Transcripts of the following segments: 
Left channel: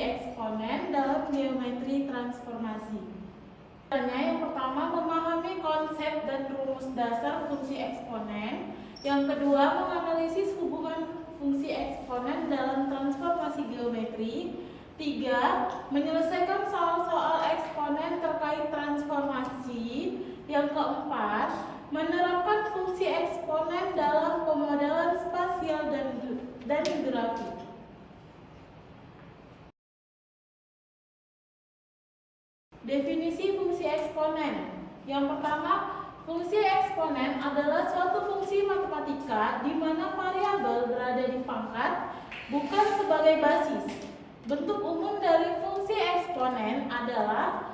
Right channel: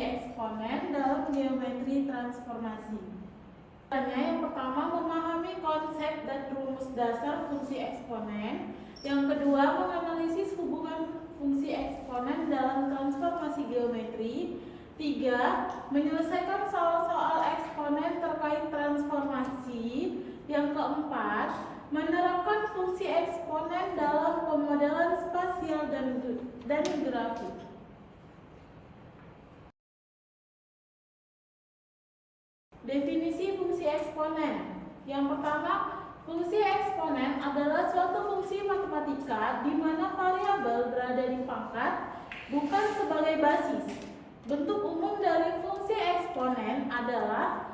eksponen dalam geometri transformasi. Yang pertama, memahami konsep dan rumus dasar fungsi eksponen. Yang kedua, menganalisis hubungan fungsi eksponen dalam transformasi geometri. 3. Menyelesaikan soal-soal eksponen terkait transformasi. Yang keempat, menerapkan fungsi eksponen dalam pemodelan spasial dan grafik. Definisi fungsi eksponen. Yang pertama, fungsi eksponen adalah suatu fungsi matematika di mana variabel berada di pangkat, bukan sebagai basis. Bentuk umum dari fungsi eksponen adalah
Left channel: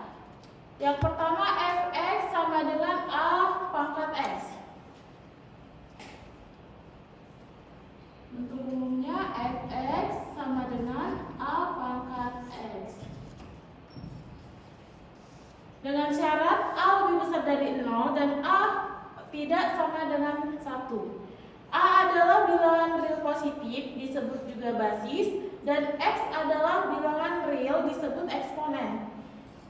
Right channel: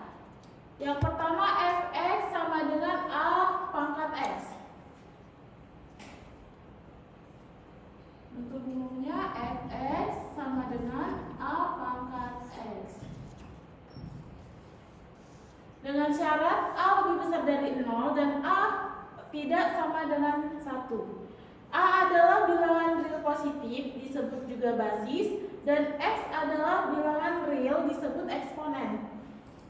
yang pertama, fx sama dengan a pangkat x. Bentuk umumnya fx sama dengan a pangkat x. Dengan syarat a lebih besar dari 0 dan a tidak sama dengan 1. A adalah bilangan real positif, disebut juga basis, dan x adalah bilangan real, disebut eksponen.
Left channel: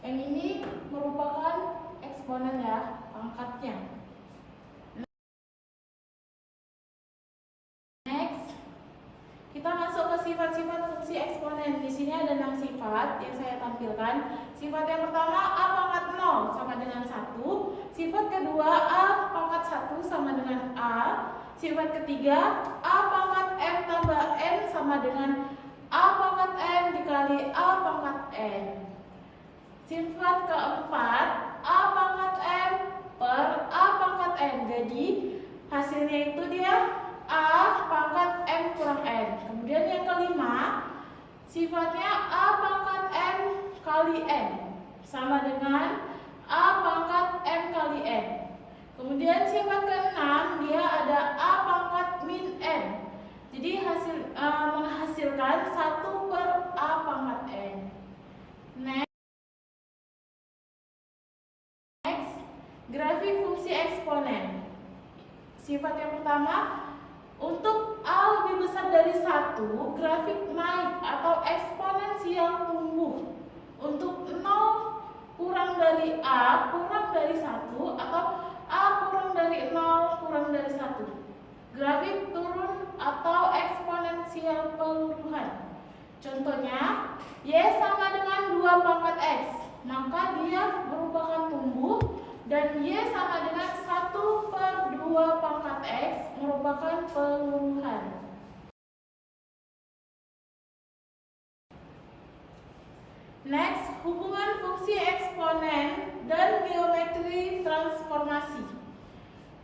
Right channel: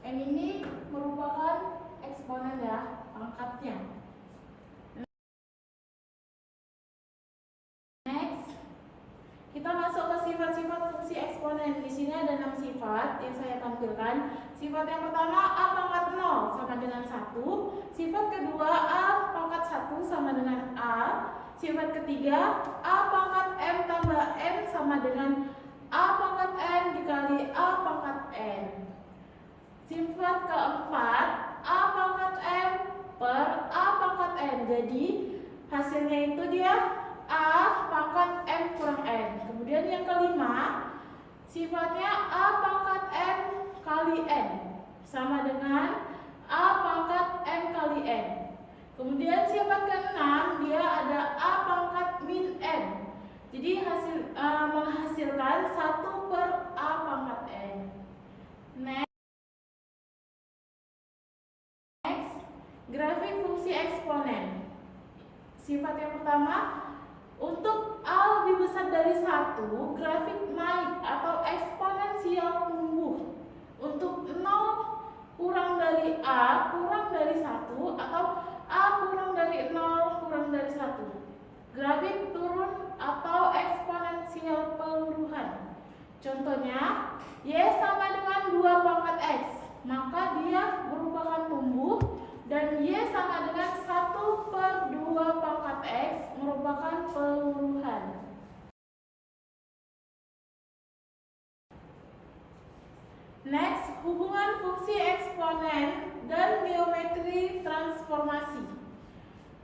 Yang ini merupakan eksponen ya, pangkatnya. Next, kita masuk ke sifat-sifat fungsi eksponen. Di sini ada 6 sifat yang saya tampilkan. Sifat yang pertama, a pangkat 0 sama dengan 1. Sifat kedua, a pangkat 1 sama dengan a. Sifat ketiga, a pangkat m tambah n sama dengan a pangkat n dikali a pangkat n. Sifat keempat, a pangkat m per a pangkat n. Jadi hasilnya itu dia a pangkat m kurang n. Kemudian yang kelima, sifatnya a pangkat m kali n sama dengan a pangkat m kali n. Kemudian sifat keenam, dia ada a pangkat min n. Jadi menghasilkan 1 per a pangkat n. Next, grafik fungsi eksponen. Sifat yang pertama, untuk a lebih besar dari 1, grafik naik atau eksponensial tumbuh. Untuk 0 kurang dari a kurang dari 1 atau a kurang dari 0 kurang dari 1. Grafik turun atau eksponensial peluruhan. Contohnya, y sama dengan 2 pangkat x, maka dia merupakan tumbuh, dan y sama dengan 1 per 2 pangkat x merupakan peluruhan. Next, hubungan fungsi eksponen dan geometri transformasi.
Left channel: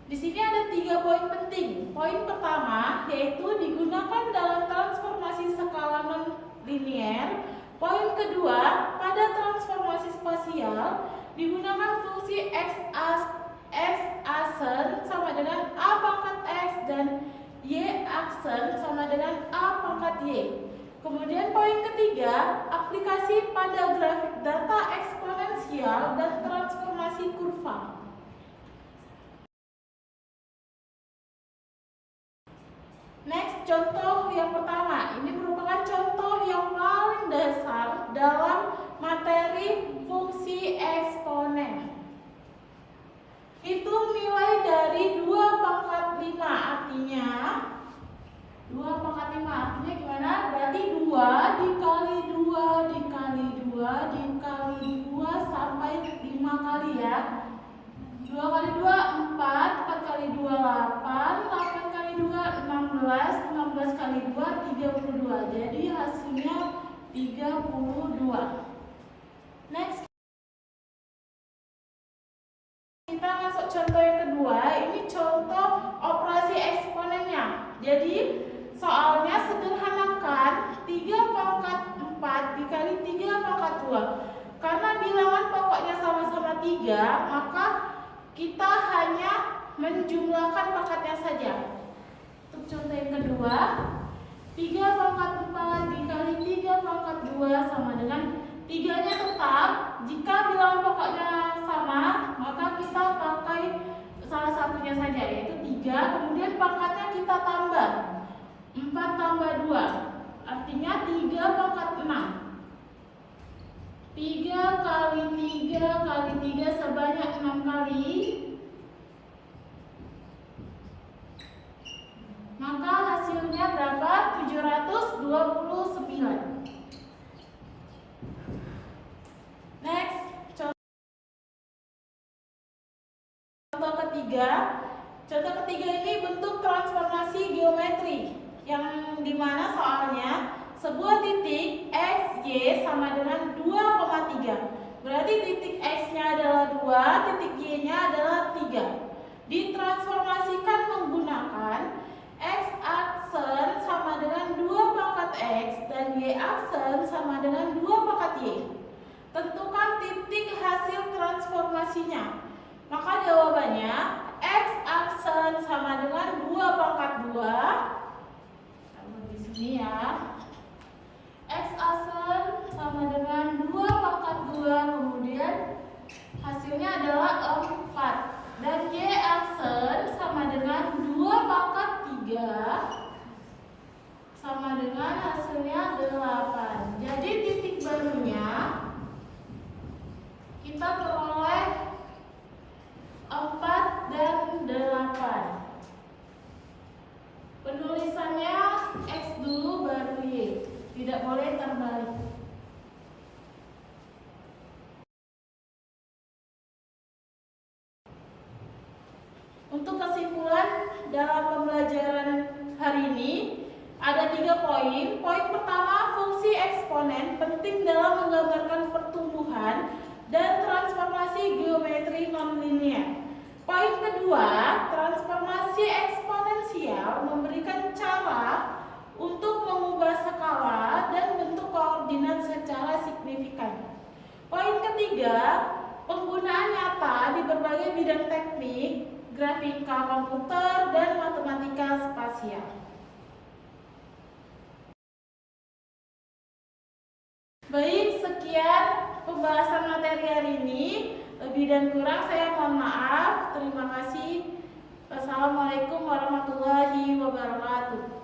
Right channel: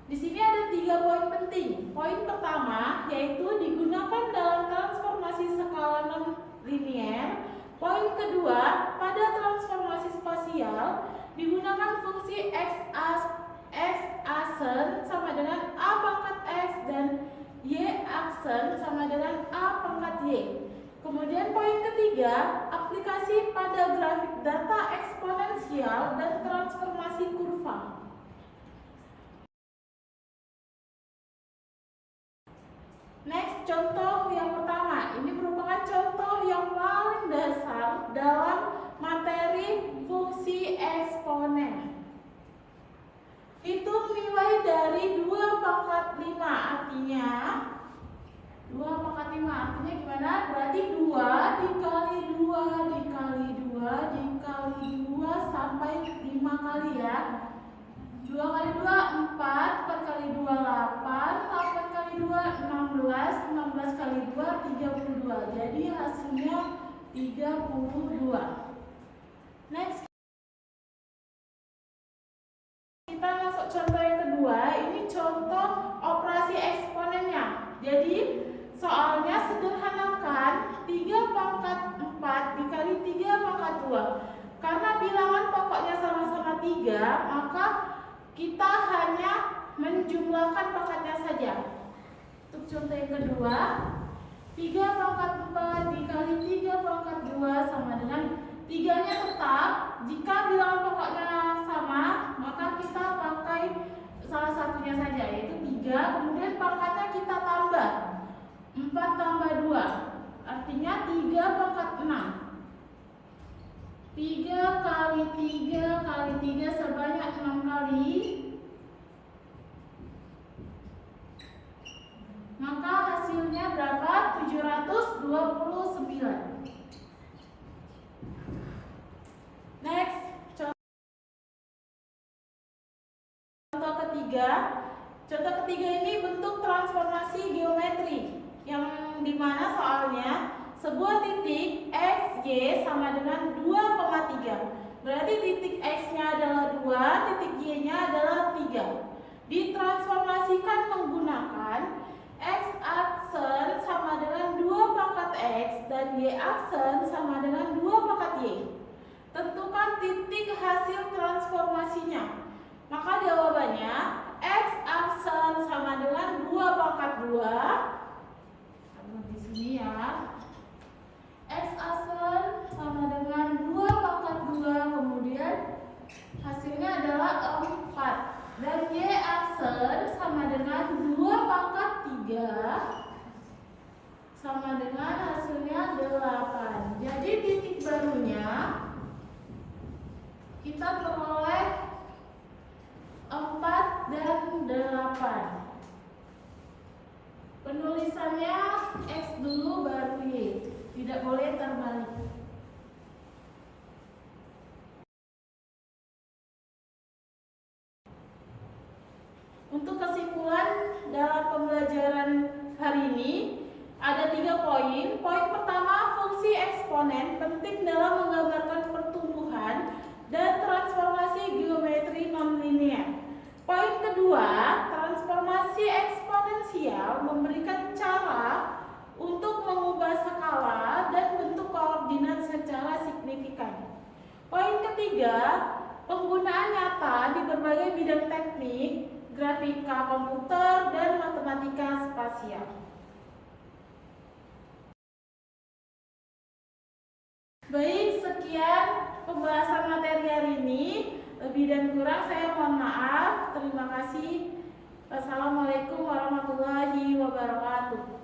Di sini ada 3 poin penting. Poin pertama yaitu digunakan dalam transformasi skala non-linier. Poin kedua, pada transformasi spasial digunakan fungsi x-aksen sama dengan a pangkat x dan y-aksen sama dengan a pangkat y. Kemudian poin ketiga, aplikasi pada grafik data eksponensial dan transformasi kurva. Next, contoh yang pertama. Ini merupakan contoh yang paling dasar dalam materi fungsi eksponen. Hitung nilai dari 2 pangkat 5, artinya 2 pangkat 5 artinya gimana? Berarti 2 dikali 2 dikali 2 dikali 2 sampai 5 kali ya. 2 kali 2 4, 4 kali 2 8, 8 kali 2 16, 16 kali 2 32. Jadi hasilnya 32. Next, kita masuk contoh yang kedua. Ini contoh operasi eksponennya. Jadi soalnya sederhanakan 3 pangkat 4 dikali 3 pangkat 2. Karena bilangan pokoknya sama-sama 3, maka kita hanya menjumlahkan pangkatnya saja. Untuk contoh yang kedua, 3 pangkat 4 dikali 3 pangkat 2 sama dengan 3-nya tetap. Jika bilangan pokoknya sama, maka kita pakai salah satunya saja, yaitu 3. Kemudian pangkatnya kita tambah 4 tambah 2, artinya 3 pangkat 6. 3 kali 3 kali 3 sebanyak 6 kali. Maka hasilnya berapa? 729. Next, contoh ketiga. Contoh ketiga ini bentuk transformasi geometri yang dimana soalnya sebuah titik x, y sama dengan 2,3. Berarti titik x-nya adalah 2, titik y-nya adalah 3. Ditransformasikan menggunakan x-aksen sama dengan 2 pangkat x dan y-aksen sama dengan 2 pangkat y. Tentukan titik hasil transformasinya. Maka jawabannya x-aksen sama dengan 2 pangkat 2. Taruh di sini ya. X-aksen sama dengan 2 pangkat 2, kemudian hasilnya adalah 4. Dan y-aksen sama dengan 2 pangkat 3 sama dengan hasilnya 8. Jadi titik barunya kita peroleh 4 dan 8. Penulisannya X dulu baru Y, tidak boleh terbalik. Untuk kesimpulan dalam pembelajaran hari ini ada 3 poin. Poin pertama, fungsi eksponen penting dalam menggambarkan pertumbuhan dan transformasi geometri nonlinear. Poin kedua, transformasi eksponensial memberikan cara untuk mengubah skala dan bentuk koordinat secara signifikan. Poin ketiga, penggunaan nyata di berbagai bidang teknik, grafika komputer, dan matematika spasial. Baik, sekian pembahasan materi hari ini. Lebih dan kurang saya mohon maaf. Terima kasih. Wassalamualaikum warahmatullahi wabarakatuh.